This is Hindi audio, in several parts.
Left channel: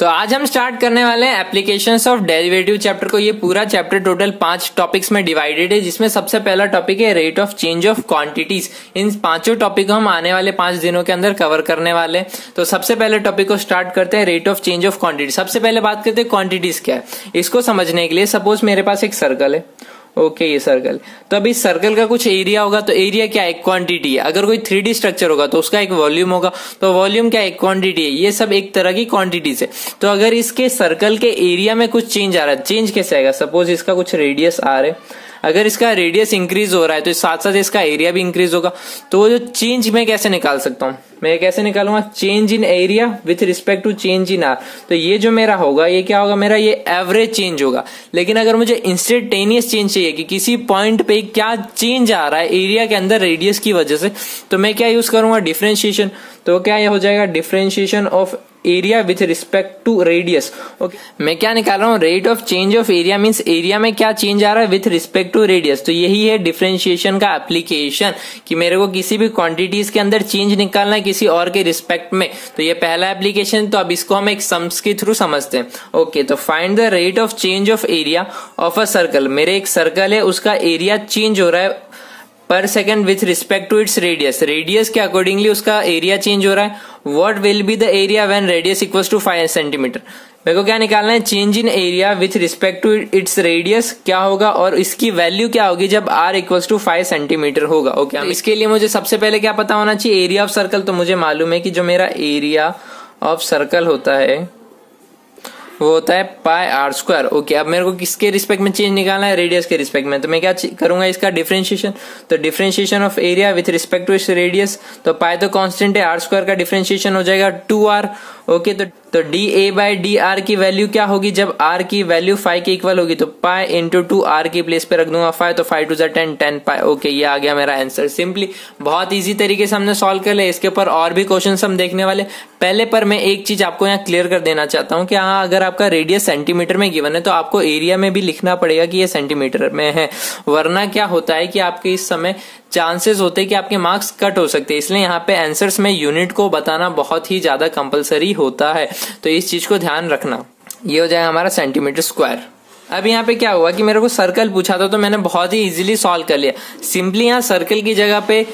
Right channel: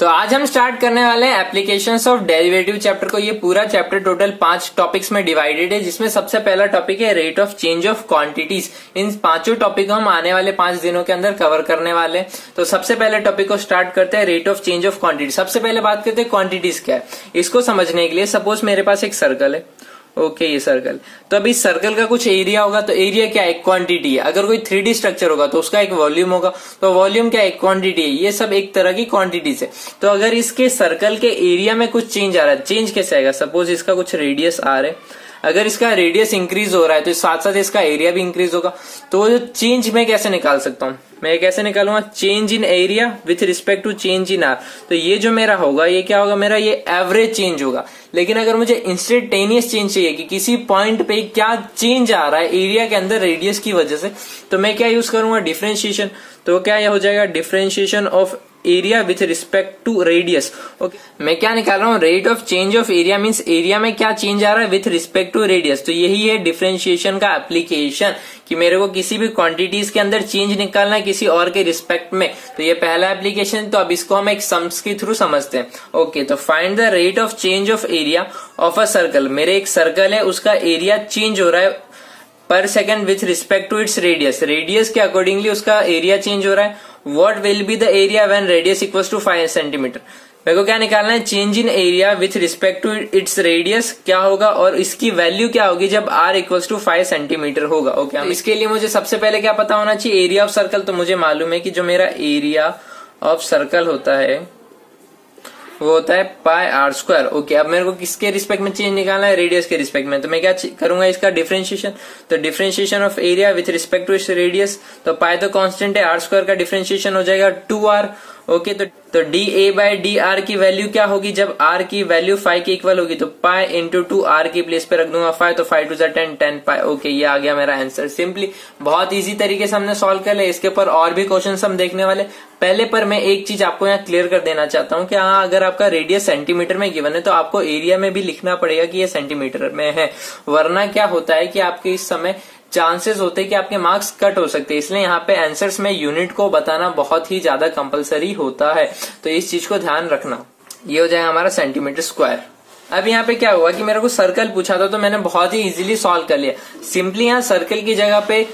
तो आज हम स्टार्ट करने वाले हैं एप्लीकेशंस ऑफ डेरिवेटिव चैप्टर को। ये पूरा चैप्टर टोटल 5 टॉपिक्स में डिवाइडेड है, जिसमें सबसे पहला टॉपिक है rate of change of quantities. इन पांचों टॉपिक को हम आने वाले 5 दिनों के अंदर कवर करने वाले हैं। तो सबसे पहले टॉपिक को स्टार्ट करते हैं, rate of change of quantity. सबसे पहले बात करते हैं क्वांटिटीज क्या है। इसको समझने के लिए सपोज मेरे पास एक सर्कल है, ओके ये सर्कल। तो अब इस सर्कल का कुछ एरिया होगा, तो एरिया क्या है, क्वांटिटी है। अगर कोई 3D स्ट्रक्चर होगा तो उसका एक वॉल्यूम होगा, तो वॉल्यूम क्या है, क्वांटिटी है। ये सब एक तरह की क्वांटिटीज है। तो अगर इसके सर्कल के एरिया में कुछ चेंज आ रहा है, चेंज कैसे आएगा, सपोज इसका कुछ रेडियस आर है, अगर इसका रेडियस इंक्रीज हो रहा है तो साथ साथ इसका एरिया भी इंक्रीज होगा। तो जो चेंज मैं कैसे निकाल सकता हूं, मैं कैसे निकालूंगा, change in area with respect to change in R. तो ये जो मेरा होगा, ये क्या होगा, मेरा ये एवरेज चेंज होगा। लेकिन अगर मुझे इंस्टेंटेनियस चेंज चाहिए कि किसी पॉइंट पे क्या चेंज आ रहा है एरिया के अंदर रेडियस की वजह से, तो मैं क्या यूज करूंगा, डिफरेंशिएशन। तो क्या हो जाएगा, differentiation of area with respect to radius. Okay, मैं क्या निकाल रहा हूँ, rate of change of area means area में क्या चेंज आ रहा है विथ रिस्पेक्ट टू रेडियस। तो यही है डिफरेंशिएशन का एप्लीकेशन, कि मेरे को किसी भी क्वांटिटीज के अंदर चेंज निकालना है किसी और के रिस्पेक्ट में। तो ये पहला एप्लीकेशन। तो अब इसको हम एक सम्स के थ्रू समझते हैं। ओके, तो find the rate of change of area of a circle. मेरे एक सर्कल है, उसका एरिया चेंज हो रहा है पर second with respect to its radius. Radius के अकॉर्डिंगली उसका एरिया चेंज हो रहा है। What will be the area when radius equals to 5 centimetre. मेरे को क्या निकालना है, change in area with respect to its radius क्या होगा, और इसकी वैल्यू क्या होगी जब r इक्वल्स टू 5 सेंटीमीटर होगा। ओके, इसके लिए मुझे सबसे पहले क्या पता होना चाहिए, एरिया ऑफ सर्कल। तो मुझे मालूम है कि जो मेरा एरिया ऑफ सर्कल होता है वो होता है पाई आर स्क्वायर। ओके, अब मेरे को किसके रिस्पेक्ट में चेंज निकालना है, रेडियस के रिस्पेक्ट में। तो मैं क्या करूंगा, इसका डिफरेंशिएशन। तो differentiation of area with respect to इस रेडियस। तो पाई तो कांस्टेंट है, आर स्क्वायर का डिफरेंशिएशन हो जाएगा 2r। ओके, तो D A by D R की वैल्यू क्या होगी, जब r की वैल्यू 5 के इक्वल होगी तो पाई इंटू 2r की प्लेस पे रख दूंगा 5, तो 5 2 10 10 पाई। ओके, ये आ गया मेरा आंसर। सिंपली बहुत इजी तरीके से हमने सॉल्व कर लिया। इसके ऊपर और भी क्वेश्चन हम देखने वाले। पहले पर मैं एक चीज आपको यहाँ क्लियर कर देना चाहता हूँ कि हाँ, अगर आपका रेडियस सेंटीमीटर में गिवन है तो आपको एरिया में भी लिखना पड़ेगा कि ये सेंटीमीटर में है, वरना क्या होता है कि आपके इस समय चांसेस होते हैं कि आपके मार्क्स कट हो सकते हैं। इसलिए यहाँ पे आंसर्स में यूनिट को बताना बहुत ही ज्यादा कंपलसरी होता है, तो इस चीज को ध्यान रखना। ये हो जाए हमारा सेंटीमीटर स्क्वायर। अब यहाँ पे क्या हुआ कि मेरे को सर्कल पूछा था, तो मैंने बहुत ही इजीली सॉल्व कर लिया। सिंपली यहाँ सर्कल की जगह पे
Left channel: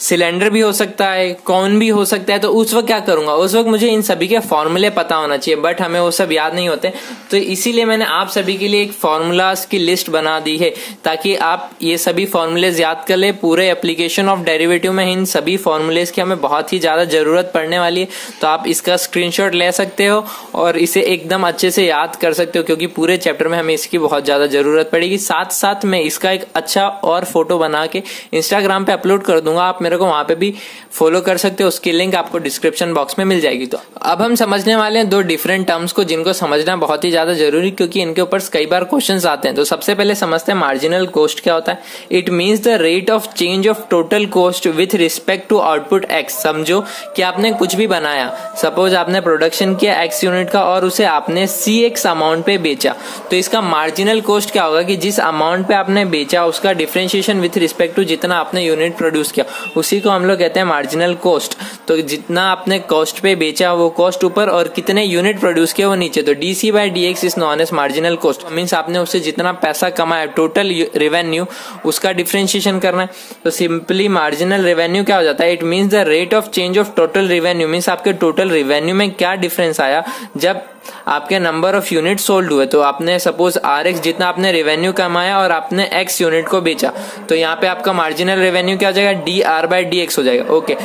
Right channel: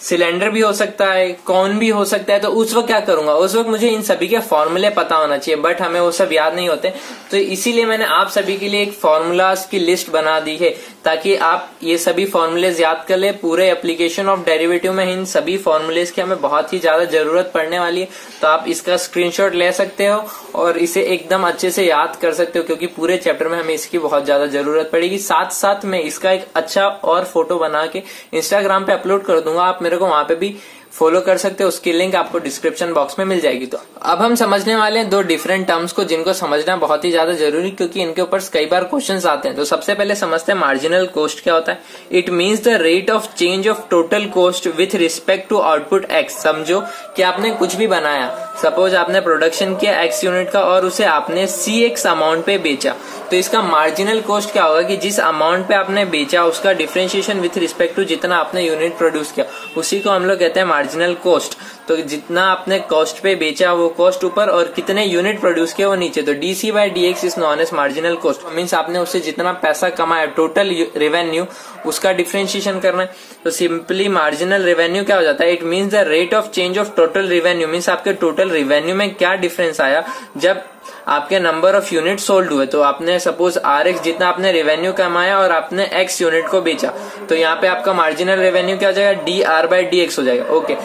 सिलेंडर भी हो सकता है, कॉन भी हो सकता है। तो उस वक्त क्या करूंगा, उस वक्त मुझे इन सभी के फॉर्मूले पता होना चाहिए, बट हमें वो सब याद नहीं होते। तो इसीलिए मैंने आप सभी के लिए एक फॉर्मूलाज की लिस्ट बना दी है, ताकि आप ये सभी फॉर्मूलेज याद कर ले। पूरे एप्लीकेशन ऑफ डेरिवेटिव में इन सभी फॉर्मूलेज की हमें बहुत ही ज्यादा जरूरत पड़ने वाली है। तो आप इसका स्क्रीनशॉट ले सकते हो और इसे एकदम अच्छे से याद कर सकते हो, क्योंकि पूरे चैप्टर में हमें इसकी बहुत ज्यादा जरूरत पड़ेगी। साथ साथ मैं इसका एक अच्छा और फोटो बना के इंस्टाग्राम पे अपलोड कर दूंगा, आप मेरे को वहां पे भी फॉलो कर सकते हो। उसकी लिंक आपको डिस्क्रिप्शन बॉक्स में मिल जाएगी। तो अब हम समझने वाले हैं 2 डिफरेंट टर्म्स को, जिनको समझना बहुत ही ज्यादा जरूरी, क्योंकि इनके ऊपर कई बार क्वेश्चंस आते हैं। तो सबसे पहले समझते हैं मार्जिनल कॉस्ट क्या होता है। It means the rate of change of total cost with respect to output X. समझो कि आपने कुछ भी बनाया, सपोज आपने प्रोडक्शन किया x यूनिट का और उसे आपने cx अमाउंट पे बेचा, तो इसका मार्जिनल कॉस्ट क्या होगा कि जिस अमाउंट पे आपने बेचा उसका डिफरेंशिएशन विथ रिस्पेक्ट टू जितना आपने यूनिट प्रोड्यूस किया, उसी को हम लोग कहते हैं मार्जिनल कॉस्ट। तो जितना आपने कॉस्ट पे बेचा वो कॉस्ट ऊपर, और कितने यूनिट प्रोड्यूस किया वो नीचे। तो DC by DX is known as marginal cost. Means आपने उससे जितना पैसा कमाया, टोटल रेवेन्यू, उसका डिफरेंशिएशन करना है। तो सिंपली मार्जिनल रेवेन्यू क्या हो जाता है, it means the rate of change of total revenue. Means आपके टोटल रेवेन्यू में क्या डिफरेंस आया जब आपके नंबर ऑफ यूनिट सोल्ड हुए। तो आपने सपोज RX जितना आपने रेवेन्यू कमाया और आपने X यूनिट को बेचा, तो यहाँ पे आपका मार्जिनल रेवेन्यू क्या हो जाएगा, DR बाई DX हो जाएगा। ओके,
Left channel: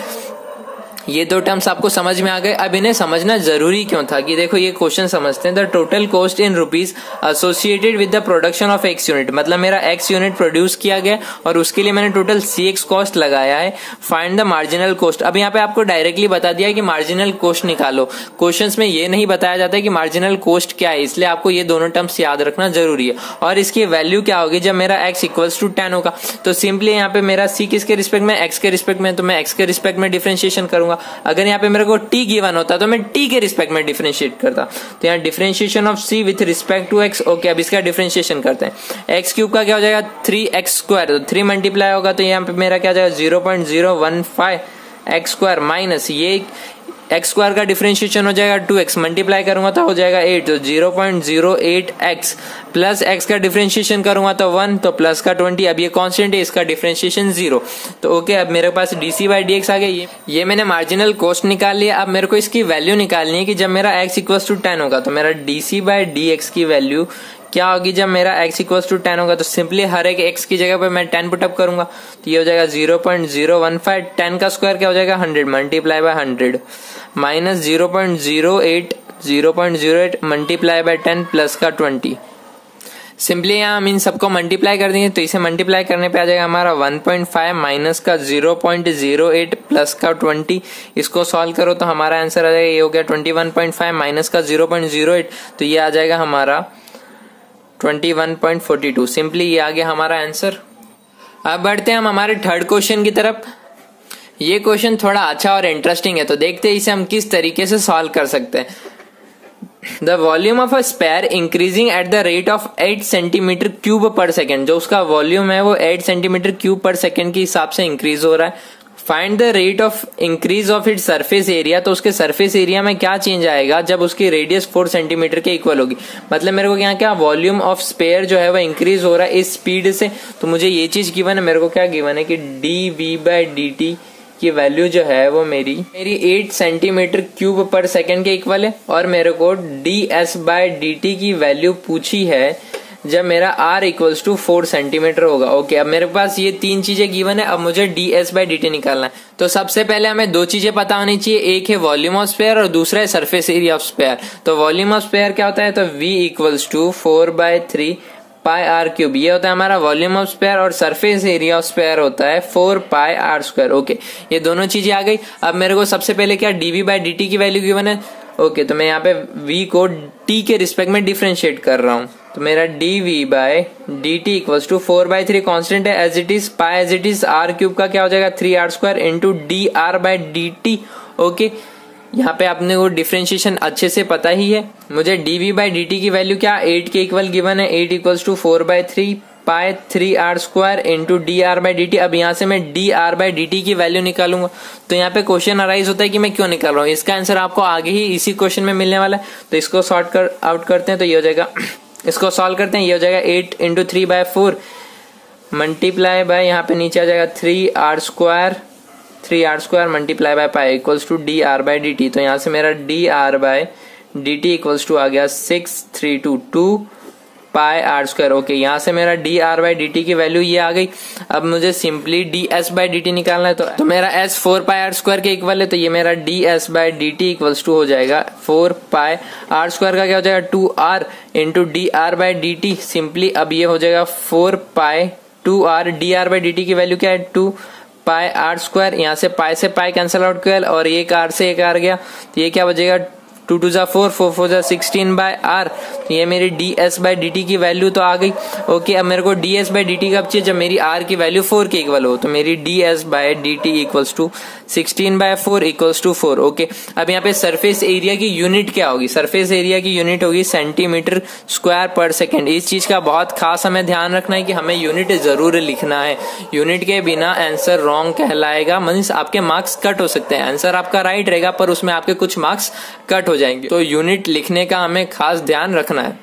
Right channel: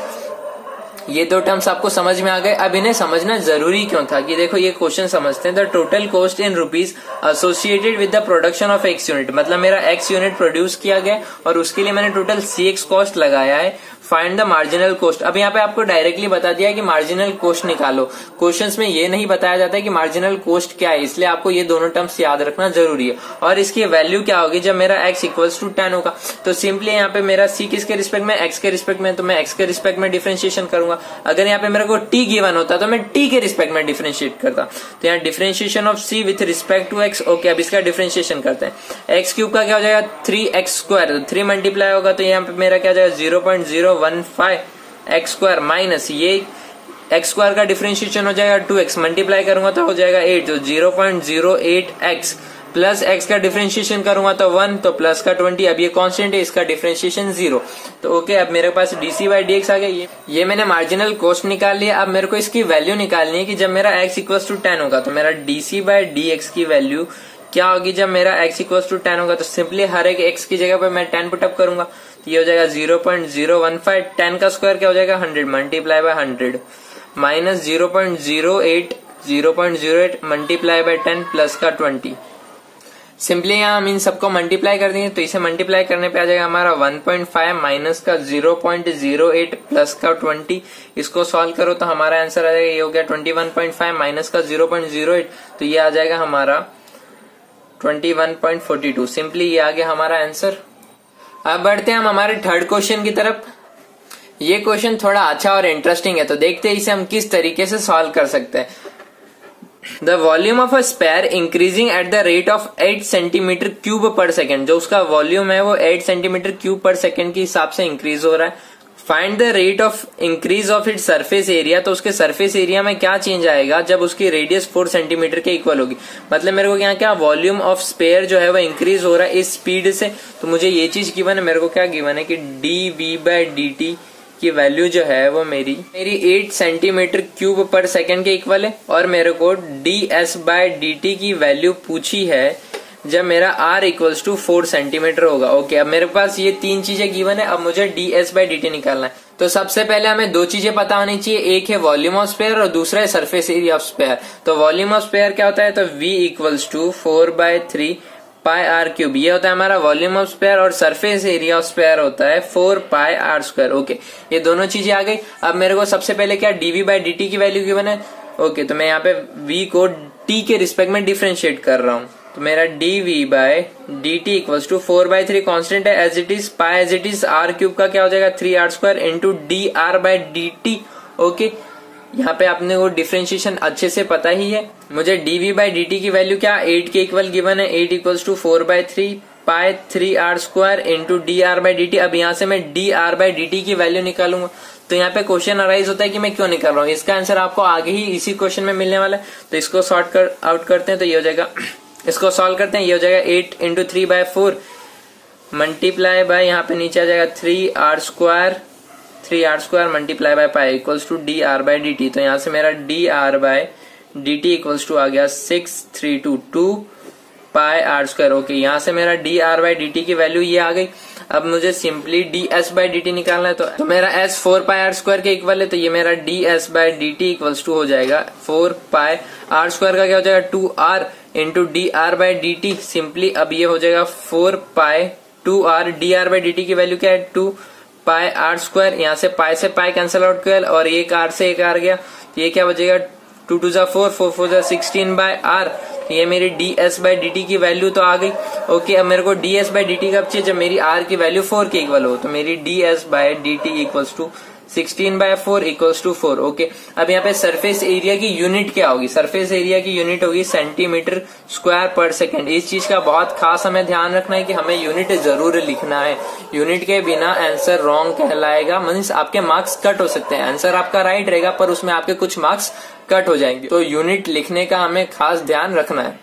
ये 2 टर्म्स आपको समझ में आ गए। अब इन्हें समझना जरूरी क्यों था, कि देखो ये क्वेश्चन समझते हैं। The total cost in rupees associated with the production of x unit. मतलब मेरा x यूनिट प्रोड्यूस किया गया और उसके लिए मैंने टोटल cx कॉस्ट लगाया है। Find the marginal cost. अब यहाँ पे आपको डायरेक्टली बता दिया कि मार्जिनल कॉस्ट निकालो। क्वेश्चंस में ये नहीं बताया जाता है कि मार्जिनल कॉस्ट क्या है, इसलिए आपको ये दोनों टर्म्स याद रखना जरूरी है। और इसकी वैल्यू क्या होगी जब मेरा x इक्वल्स टू 10 होगा। तो सिंपली यहाँ पे मेरा c किसके रिस्पेक्ट में, x के रिस्पेक्ट में, तो मैं x के रिस्पेक्ट में डिफरेंशिएशन करूंगा। अगर यहाँ पे मेरे को t गिवन होता तो मैं t के रिस्पेक्ट में डिफरेंशिएट करता। तो यहाँ differentiation of c with respect to x। Okay, अब इसका डिफरेंशिएशन करते हैं। x क्यूब का क्या हो जाएगा 3x स्क्वायर, 3 मल्टीप्लाई होगा तो यहाँ पे मेरा क्या हो जाएगा 0.015 x स्क्वायर माइनस ये एक्स स्क्वायर का डिफरेंशिएशन हो जाएगा 2x, मल्टीप्लाई करूंगा तो हो जाएगा 8, तो 0.08x प्लस x का डिफरेंशिएशन करूंगा तो 1, तो प्लस का 20। अब ये कांस्टेंट है, इसका डिफरेंशिएशन 0। तो ओके, अब मेरे पास dc बाई dx आ गया। ये मैंने मार्जिनल कॉस्ट निकाल लिया। अब मेरे को इसकी वैल्यू निकालनी है कि जब मेरा x इक्वल्स टू 10 होगा तो मेरा dc बाई dx की वैल्यू क्या होगी जब मेरा x इक्वल्स टू 10 होगा। तो सिंपली हर एक x की जगह पर मैं 10 पुटअप करूंगा, तो ये हो जाएगा 0.015। 10 का स्क्वायर क्या हो जाएगा 100, multiply by 100 minus 0.08 multiply by 10 plus का 20। सिंपली यहाँ हम इन सबको मल्टीप्लाई कर देंगे, तो इसे मल्टीप्लाई करने पे आ जाएगा हमारा 1.5 माइनस का 0.08 प्लस का 20। इसको सॉल्व करो तो हमारा आंसर आ जाएगा, ये हो गया 21.5 माइनस का 0.08, तो ये आ जाएगा हमारा 21.42। सिंपली ये आ गया हमारा आंसर। अब बढ़ते हैं हम हमारे थर्ड क्वेश्चन की तरफ। ये क्वेश्चन थोड़ा अच्छा और इंटरेस्टिंग है, तो देखते हैं इसे हम किस तरीके से सॉल्व कर सकते हैं। The volume of a sphere increasing at the rate of 8 centimetre cube per second. जो उसका वॉल्यूम है वो 8 सेंटीमीटर क्यूब पर सेकेंड के हिसाब से इंक्रीज हो रहा है। Find the rate of increase of it surface area. तो उसके सरफेस एरिया में क्या चेंज आएगा जब उसकी रेडियस 4 सेंटीमीटर के इक्वल होगी। मतलब मेरे को यहाँ क्या वॉल्यूम ऑफ स्पेयर जो है वो इंक्रीज हो रहा है इस स्पीड से। तो मुझे ये चीज गिवन है, मेरे को क्या गिवन है कि dv बाई dt की वैल्यू जो है वो मेरी 8 सेंटीमीटर क्यूब पर सेकेंड के इक्वल है, और मेरे को ds बाई dt की वैल्यू पूछी है जब मेरा r इक्वल्स टू 4 सेंटीमीटर होगा। ओके, अब मेरे पास ये तीन चीजें गिवन है। अब मुझे ds बाई dt निकालना है। तो सबसे पहले हमें दो चीजें पता होनी चाहिए, एक है वॉल्यूम ऑफ स्पेयर और दूसरा है सरफेस एरिया ऑफ स्पेयर। तो वॉल्यूम ऑफ स्पेयर क्या होता है, तो v equals to 4/3 pi R cube, ये होता है हमारा वॉल्यूम ऑफ स्पेयर, और सरफेस एरिया ऑफ स्पेयर होता है 4 पाई आर स्क्वायर। ओके, ये दोनों चीजें आ गई। अब मेरे को सबसे पहले क्या dv बाई dt की वैल्यू गिवन है। ओके, तो मैं यहाँ पे v को t के रिस्पेक्ट में डिफरेंशिएट कर रहा हूँ। तो मेरा dv by dt equals to 4/3 constant है as it is, pi as it is, r cube का क्या हो जाएगा 3r square into dr by dt। Okay, यहाँ पे आपने वो डिफरेंशिएशन अच्छे से पता ही है। मुझे dv बाई dt की वैल्यू क्या 8 के इक्वल गिवन है, 8 equals to 4/3 pi 3r square into dr by dt। अब यहाँ से मैं dr बाई dt की वैल्यू निकालूंगा। तो यहाँ पे क्वेश्चन अराइज होता है कि मैं क्यों निकाल रहा हूँ, इसका आंसर आपको आगे ही इसी क्वेश्चन में मिलने वाला है। तो इसको सॉर्ट आउट करते हैं, तो ये हो जाएगा, इसको सॉल्व करते हैं, ये हो जाएगा 8 इंटू 3/4 मल्टीप्लाई बाय यहाँ पे नीचे आ जाएगा 3r square multiply by pi equals to dr by dt। तो यहाँ से मेरा dr by dt equals to आ गया 6322 पाई आर स्क्वायर। ओके, यहाँ से मेरा dr बाई dt की वैल्यू ये आ गई। अब मुझे सिंपली ds बाई dt निकालना है। तो मेरा s 4 पाई आर स्क्वायर के इक्वल है, तो ये मेरा ds by dt equals to हो जाएगा 4 पाई आर स्क्वायर का क्या हो जाएगा 2r into dr by dt। Simply अब ये हो जाएगा 4 पाई 2r, dr बाई dt की वैल्यू क्या है 2 पाई आर स्क्वायर। यहाँ से पाई कैंसिल आउट कर, और एक r से एक r गया, तो ये क्या बचेगा 2 2 जा 4, 4 4 जा 16 बाई आर। ये मेरी ds बाई dt की वैल्यू तो आ गई। ओके, अब मेरे को ds बाई dt कब चाहिए, जब मेरी r की वैल्यू 4 के इक्वल हो। तो मेरी ds by dt equals to 16/4 equals to 4। Okay, अब यहाँ पे सरफेस एरिया की यूनिट क्या होगी, सरफेस एरिया की यूनिट होगी सेंटीमीटर स्क्वायर पर सेकेंड। इस चीज का बहुत खास हमें ध्यान रखना है कि हमें यूनिट जरूर लिखना है, यूनिट के बिना आंसर रॉन्ग कहलाएगा। मीन्स आपके मार्क्स कट हो सकते हैं, आंसर आपका राइट रहेगा पर उसमें आपके कुछ मार्क्स कट हो जाएंगे। तो यूनिट लिखने का हमें खास ध्यान रखना है।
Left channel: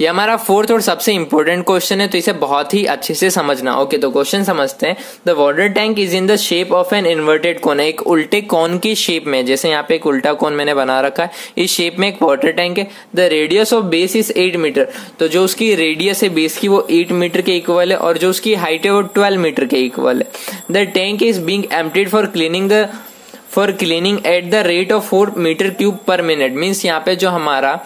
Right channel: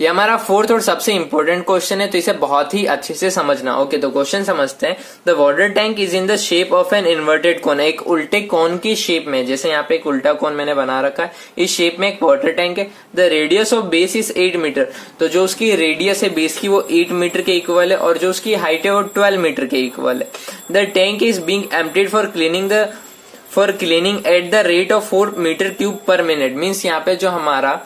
ये हमारा फोर्थ और सबसे इंपॉर्टेंट क्वेश्चन है, तो इसे बहुत ही अच्छे से समझना। ओके, तो क्वेश्चन समझते हैं। The water tank is in the shape of an inverted कोन। एक उल्टे कोन की शेप में, जैसे यहाँ पे एक उल्टा कोन मैंने बना रखा है, इस शेप में एक वाटर टैंक है। The radius of base is 8 metre. तो जो उसकी रेडियस है बेस की वो 8 मीटर के इक्वल है, और जो उसकी हाइट है वो 12 मीटर के इक्वल है। The tank is being emptied for cleaning at the rate of 4 metre cube per minute. Means यहाँ पे जो हमारा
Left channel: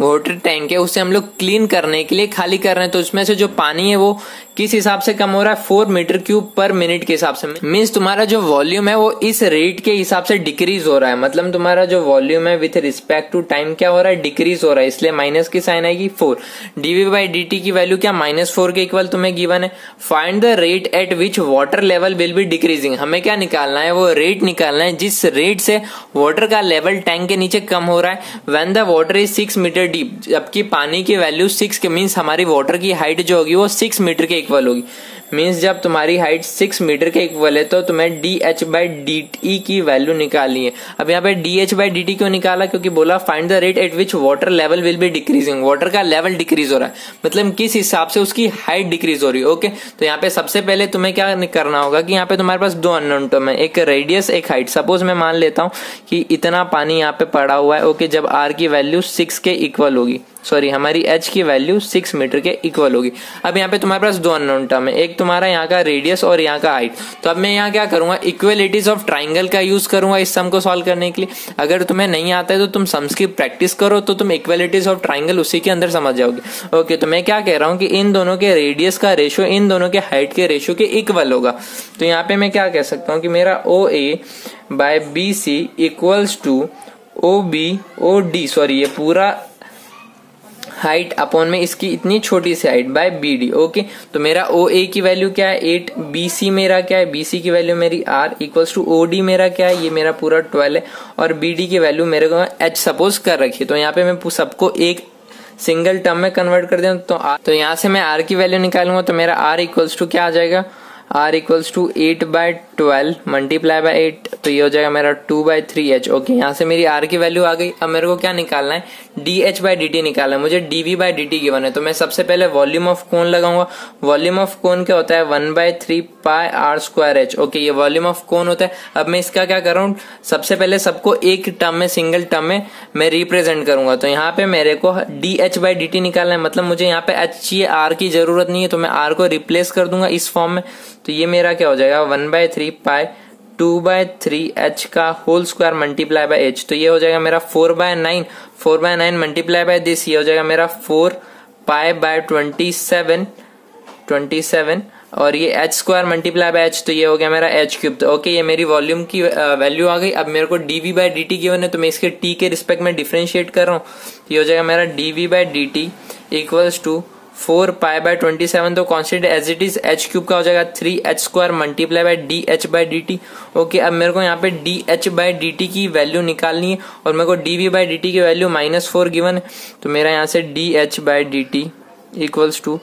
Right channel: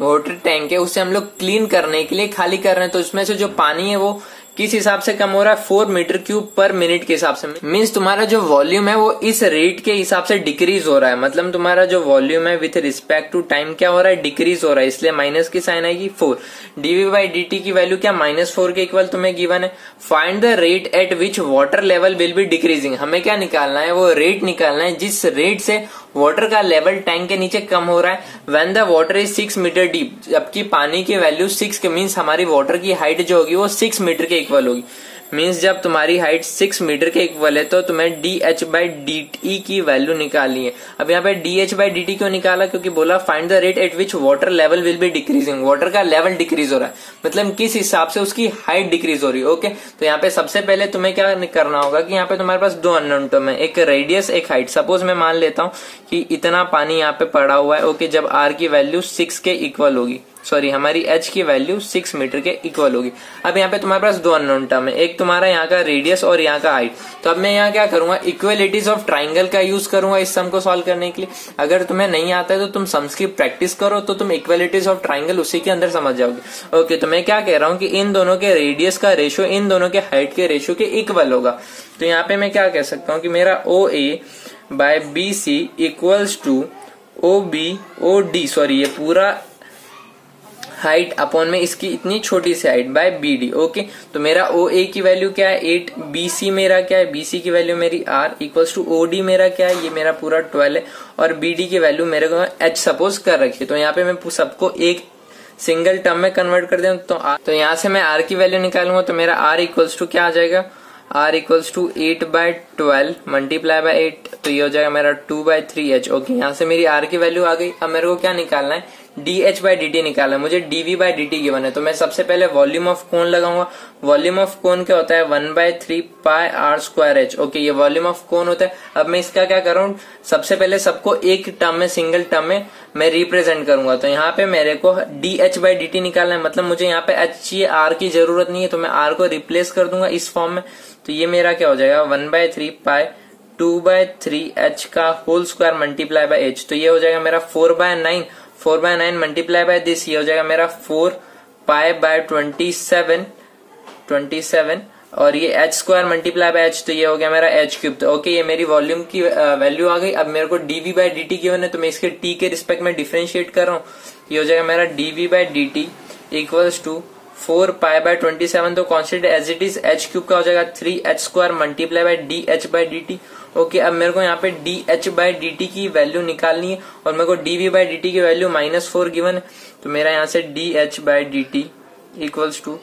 वाटर टैंक है उसे हम लोग क्लीन करने के लिए खाली कर रहे हैं, तो उसमें से जो पानी है वो किस हिसाब से कम हो रहा है 4 मीटर क्यूब पर मिनट के हिसाब से। मीन्स तुम्हारा जो वॉल्यूम है वो इस रेट के हिसाब से डिक्रीज हो रहा है। मतलब तुम्हारा जो वॉल्यूम है विथ रिस्पेक्ट टू टाइम क्या हो रहा है, डिक्रीज हो रहा है, इसलिए माइनस की साइन आएगी 4। dv बाई dt की वैल्यू क्या -4 के इक्वल तुम्हें गिवन है। Find the rate at which water level will be decreasing. हमें क्या निकालना है, वो रेट निकालना है जिस रेट से वाटर का लेवल टैंक के नीचे कम हो रहा है। When the water is 6 metre deep, जबकि पानी की वैल्यू 6 के मीन्स हमारी वाटर की हाइट जो होगी वो 6 मीटर के इक्वल होगी। मीन्स जब तुम्हारी हाइट 6 मीटर के इक्वल है तो तुम्हें dh/dt की वैल्यू निकालनी है। अब यहाँ पे dh/dt क्यों निकाला, क्योंकि बोला find the rate at which water level will be decreasing, water का लेवल डिक्रीज हो रहा है, मतलब किस हिसाब से उसकी हाइट डिक्रीज हो रही है। ओके, तो यहाँ पे सबसे पहले तुम्हें क्या करना होगा कि यहाँ पे तुम्हारे पास दो अननोन टर्म है, एक रेडियस एक हाइट। सपोज मैं मान लेता हूँ कि इतना पानी यहाँ पे पड़ा हुआ है। ओके, जब r की वैल्यू 6 के इक्वल होगी, सॉरी हमारी h की वैल्यू 6 मीटर के इक्वल होगी। अब यहाँ पे तुम्हारे पास दो अननोन टर्म है, एक तुम्हारा यहाँ का रेडियस और यहाँ का हाइट। तो अब मैं यहाँ क्या करूंगा, इक्वलिटीज ऑफ ट्राइंगल का यूज करूंगा इस सम को सॉल्व करने के लिए। अगर तुम्हें नहीं आता है तो तुम सम्स की प्रैक्टिस करो, तो तुम इक्वलिटीज ऑफ ट्राइंगल उसी के अंदर समझ जाओगे। ओके, तो मैं क्या कह रहा हूँ कि इन दोनों के रेडियस का रेशियो इन दोनों के हाइट के रेशियो के इक्वल होगा। तो यहाँ पे मैं क्या कह सकता हूँ कि मेरा OA/BC equals to OB/OD, sorry ये पूरा हाइट अपॉन में इसकी इतनी छोटी सी हाइट बाय BD। ओके, तो मेरा OA की वैल्यू क्या है 8, BC मेरा क्या है, BC की वैल्यू मेरी R इक्वल्स टू OD मेरा क्या है, ये मेरा पूरा 12 है, और BD की वैल्यू मेरे को H सपोज कर रखी है। तो यहाँ पे मैं सबको एक सिंगल टर्म में कन्वर्ट कर दूं तो यहाँ से मैं R की वैल्यू निकालूंगा, तो मेरा R इक्वल्स टू क्या आ जाएगा, R equals to 8/12 multiply by 8, तो ये हो जाएगा मेरा 2/3H। ओके, यहाँ से मेरी R की वैल्यू आ गई। अब मेरे को क्या निकालना है, dh/dt निकालना है, मुझे dv/dt गिवन है। तो मैं सबसे पहले वॉल्यूम ऑफ कोन लगाऊंगा। वॉल्यूम ऑफ कोन क्या होता है 1/3 पाई r²h। ओके, ये वॉल्यूम ऑफ कोन होता है। अब मैं इसका क्या कर रहा हूँ, सबसे पहले सबको एक टर्म में सिंगल टर्म में मैं रिप्रेजेंट करूंगा। तो यहाँ पे मेरे को dh/dt निकालना है, मतलब मुझे यहाँ पे h चाहिए, r की जरूरत नहीं है, तो मैं r को रिप्लेस कर दूंगा इस फॉर्म में। तो ये मेरा क्या हो जाएगा 1/3 पाई 2/3h का whole square multiply by h। तो ये हो जाएगा मेरा 4/9 मल्टीप्लाई बाय दिस, ये हो जाएगा मेरा 4 पाई बाय 27 और ये h² मल्टीप्लाई बाय h, तो ये हो गया मेरा h³। तो ओके, ये मेरी वॉल्यूम की वैल्यू आ गई। अब मेरे को dv/dt गिवन है, तो मैं इसके t के रिस्पेक्ट में डिफरेंशिएट कर रहा हूँ। ये हो जाएगा मेरा dv/dt equals to 4 pi by 27, तो constant as it is h³ का हो जाएगा 3h² multiply by dh/dt। Okay, अब मेरे को यहाँ पे dh/dt की वैल्यू निकालनी है और मेरे को dv/dt की वैल्यू -4 गिवन है। तो मेरा यहाँ से dh/dt equals to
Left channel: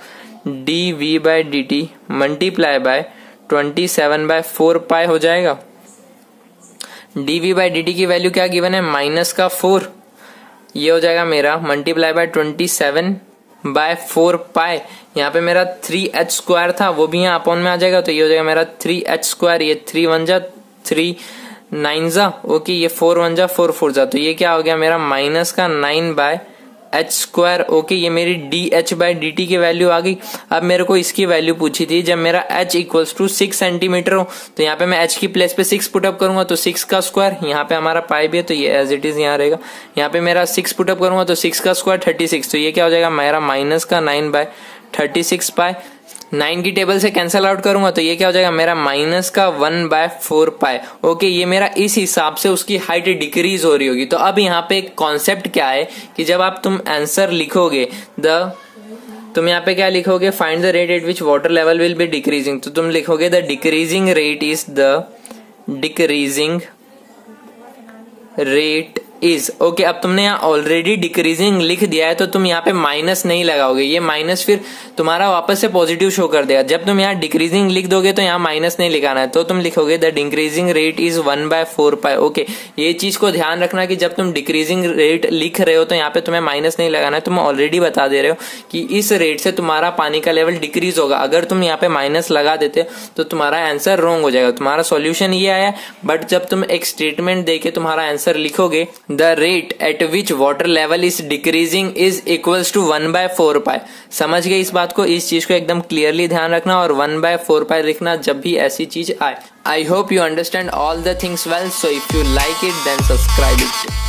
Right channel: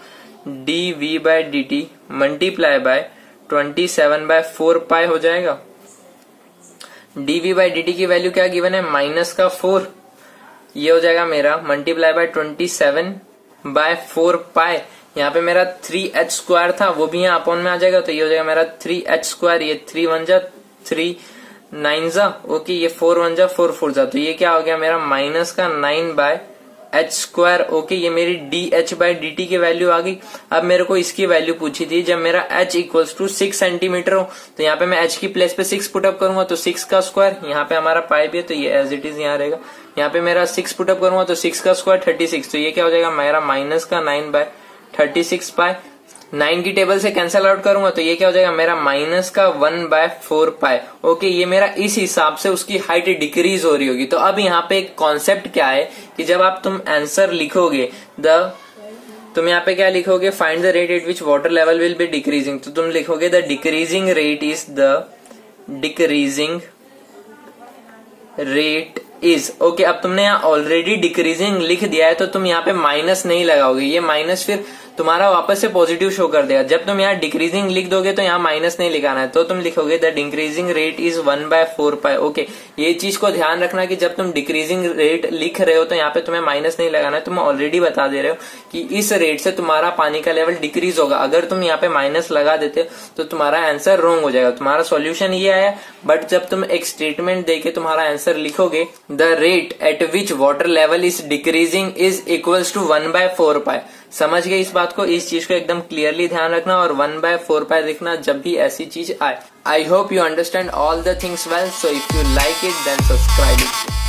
dv/dt multiply by 27/4 pi हो जाएगा। dv/dt की वैल्यू क्या गिवन है -4, ये हो जाएगा मेरा मल्टीप्लाई बाय 27/4 पाई। यहाँ पे मेरा 3h² था, वो भी यहाँ अपॉन में आ जाएगा, तो ये हो जाएगा मेरा 3h², ये 3 1 जा 3 9 जा, ओके, ये 4 1 जा 4 4 जा, तो ये क्या हो गया मेरा -9/h²। ओके, ये मेरी dh/dt की वैल्यू आ गई। अब मेरे को इसकी वैल्यू पूछी थी जब मेरा h इक्वल्स टू 6 सेंटीमीटर हो, तो यहाँ पे मैं h की प्लेस पे 6 पुटअप करूंगा, तो 6 का स्क्वायर, यहाँ पे हमारा पाई भी है तो ये एज इट इज यहाँ रहेगा। यहाँ पे मेरा 6 पुटअप करूंगा तो 6 का स्क्वायर 36, तो ये क्या हो जाएगा मेरा -9/36 पाई। 9 की टेबल से कैंसिल आउट करूंगा तो ये क्या हो जाएगा मेरा -1/4 पाई। ओके, ये मेरा इस हिसाब से उसकी हाइट डिक्रीज हो रही होगी। तो अब यहाँ पे एक कॉन्सेप्ट क्या है कि जब आप तुम आंसर लिखोगे तुम यहाँ पे क्या लिखोगे, find the rate at which water level will be decreasing, तो तुम लिखोगे the decreasing rate is okay. अब तुमने यहाँ ऑलरेडी डिक्रीजिंग लिख दिया है तो तुम यहाँ पे माइनस नहीं लगाओगे, ये माइनस फिर तुम्हारा वापस से पॉजिटिव शो कर देगा। जब तुम यहाँ डिक्रीजिंग लिख दोगे तो यहाँ माइनस नहीं लिखाना है, तो तुम लिखोगे the decreasing rate is 1/4 pi. Okay, ये चीज को ध्यान रखना कि जब तुम डिक्रीजिंग रेट लिख रहे हो तो यहाँ पे तुम्हें माइनस नहीं लगाना है। तुम ऑलरेडी बता दे रहे हो कि इस रेट से तुम्हारा पानी का लेवल डिक्रीज होगा। अगर तुम यहाँ पे माइनस लगा देते तो तुम्हारा आंसर रॉन्ग हो जाएगा। तुम्हारा सॉल्यूशन ये आया, बट जब तुम एक स्टेटमेंट देके तुम्हारा आंसर लिखोगे the rate at which water level is decreasing is equals to 1/4 pi. समझ गए इस बात को, इस चीज को एकदम क्लियरली ध्यान रखना और 1/4 पाई लिखना जब भी ऐसी चीज आए। I hope you understand all the things well, so if you like it then subscribe it.